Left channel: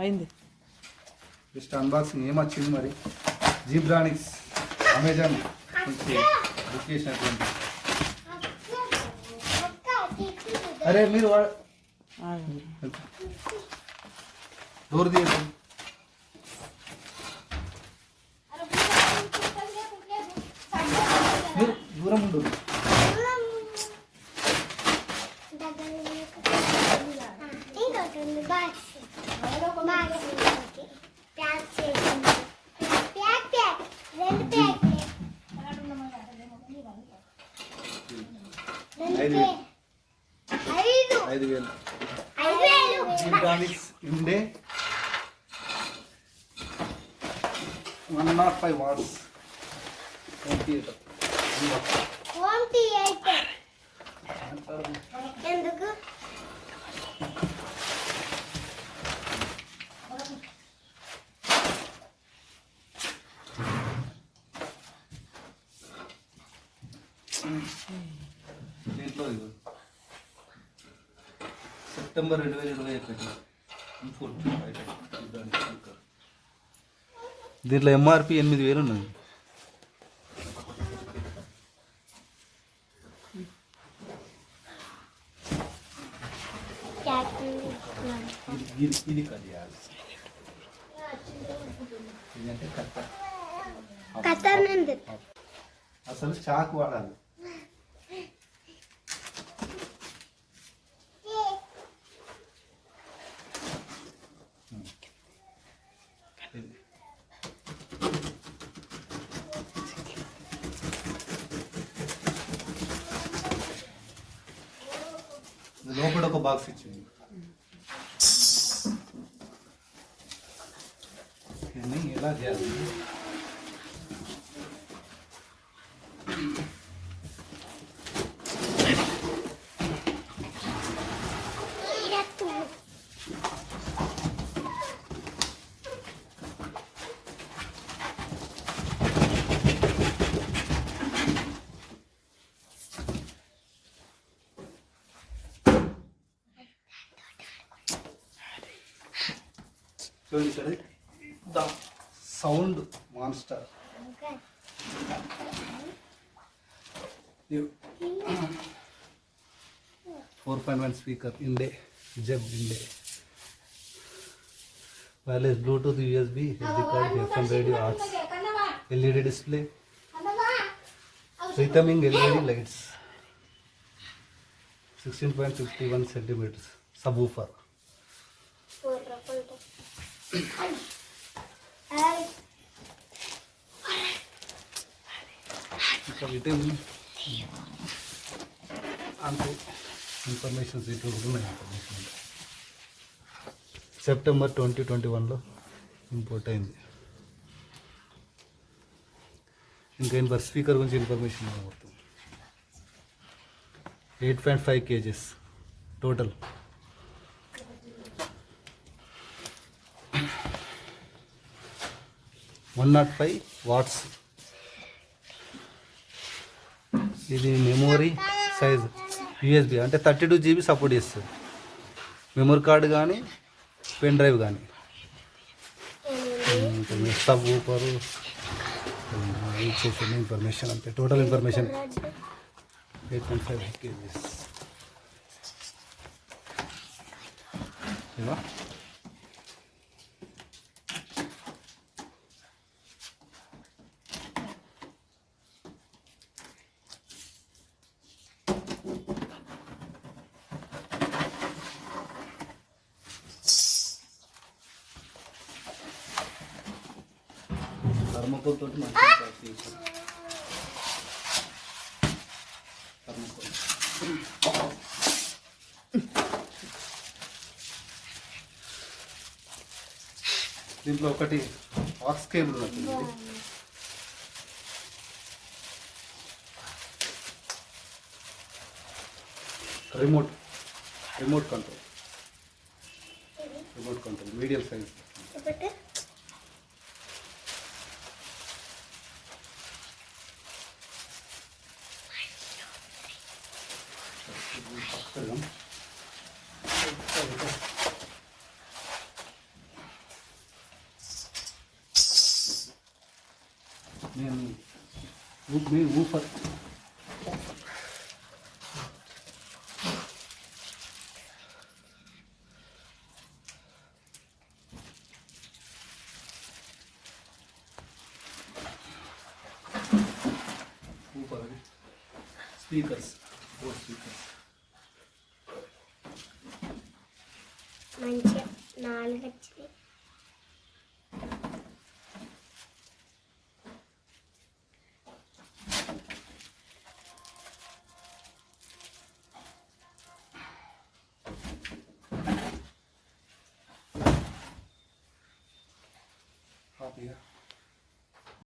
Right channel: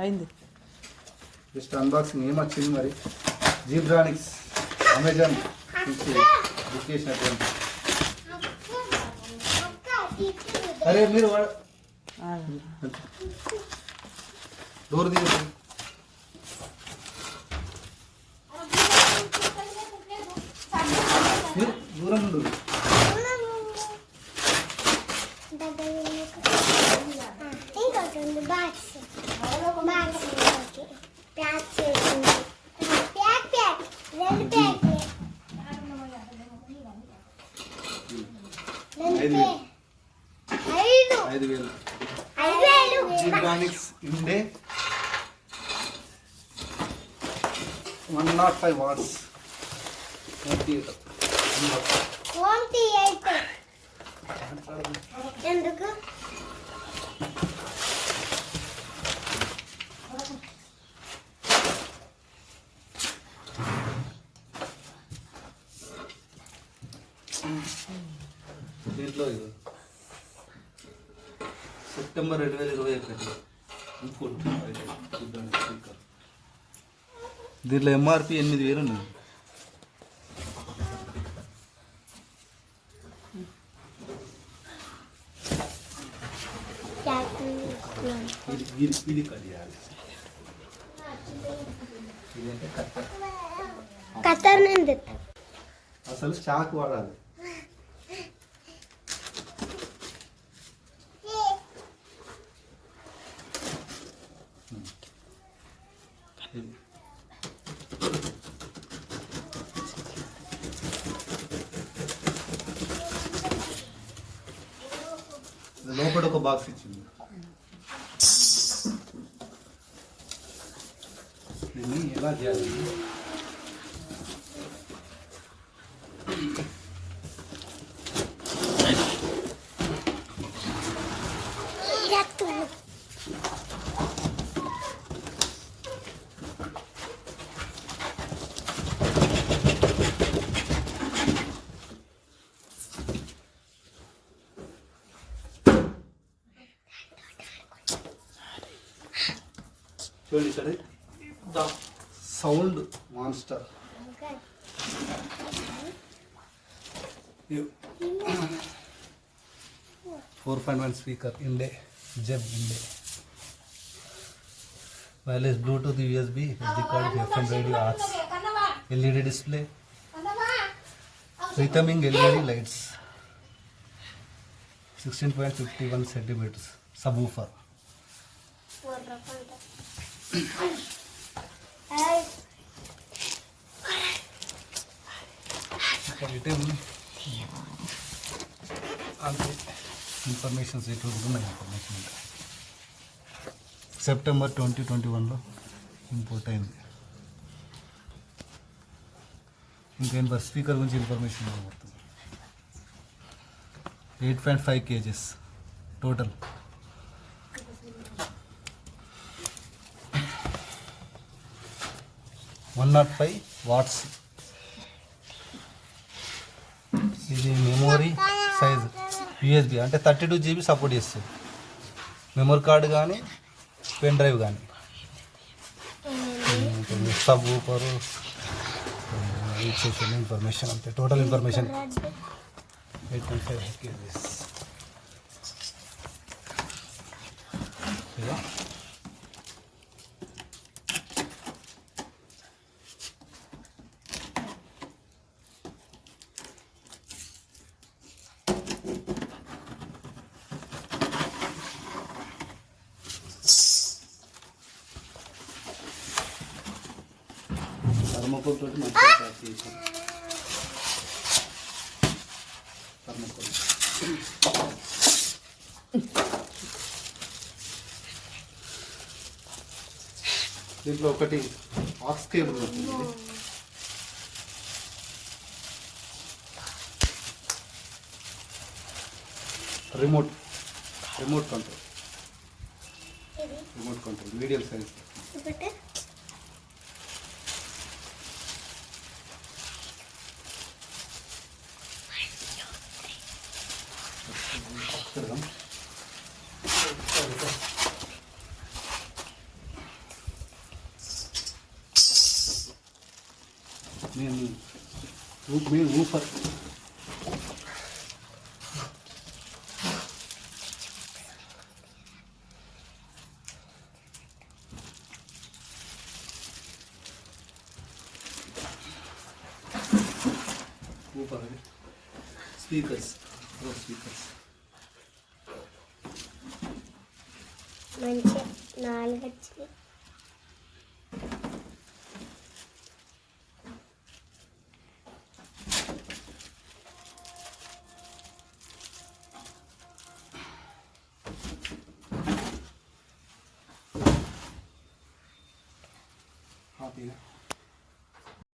అయింది. Just unboxing ఏమొచ్చింది మరి. జీబ్రానిక్స్ అమెజాన్ నుంచి బుక్ చేసినటువంటి. అరే మీరు డోర్ తీయండి. మీరు దూరం ఉండదు. జీబ్రానిక్స్ ఇండే 105 వాట్స్ హోమ్ థియేటర్. ఎందుకు దీంట్లో సెప్టెంబర్ 2021 దీంట్లో ఎంఆర్పి 8,000 ఉన్నాయి. ఇది కలియాలి. ఇదంటే కత్తర్ అసలు చాకు వాడాలి. లోపల ఒక బాక్స్ ఇచ్చింది. ఎలా చేయాలి? ద సౌండ్ మాన్స్టర్ 4.1 స్పీకర్ ఇండే జెడ్ ఇండే wireless Bluetooth USB SD card FM radio ఆర్ట్స్ LED డిస్ప్లే రిథమింగ్ LED lights 16.51 centimetres subwoofer. Return అంటే ఇన్ఫర్మేషన్స్ ఉన్నాయి. ఇన్ఫర్మేషన్ అంటే సెప్టెంబర్ 2021లో ఇంపోర్ట్ అయింది. ఇంకా స్పీకర్ గురించి ఇన్ఫర్మేషన్ పడుతుంది. 8.5 kgs టోటల్. $105 వాట్స్. ఇది మెమొరీ సైజ్ యూఎస్బి అంటే 32 GB సపోర్ట్ చేస్తుంది. మెమరీ కార్డు కానీ పెన్ డ్రైవ్ కానీ. సబ్ ఊపరు ఇచ్చేసిన ఇన్ఫర్మేషన్ అంతే. Total information 8.5 kgs. థర్మోకోల్ తోటి మంచిగా ప్యాక్ చేసాం. థర్మోకోల్ దీంట్లో ఒకటి ఆక్స్ కేబుల్ వస్తుంది. Remote control medium size. Main woofer. Speakers మంచిగా 4 వచ్చినాయి. హ్యాపీగా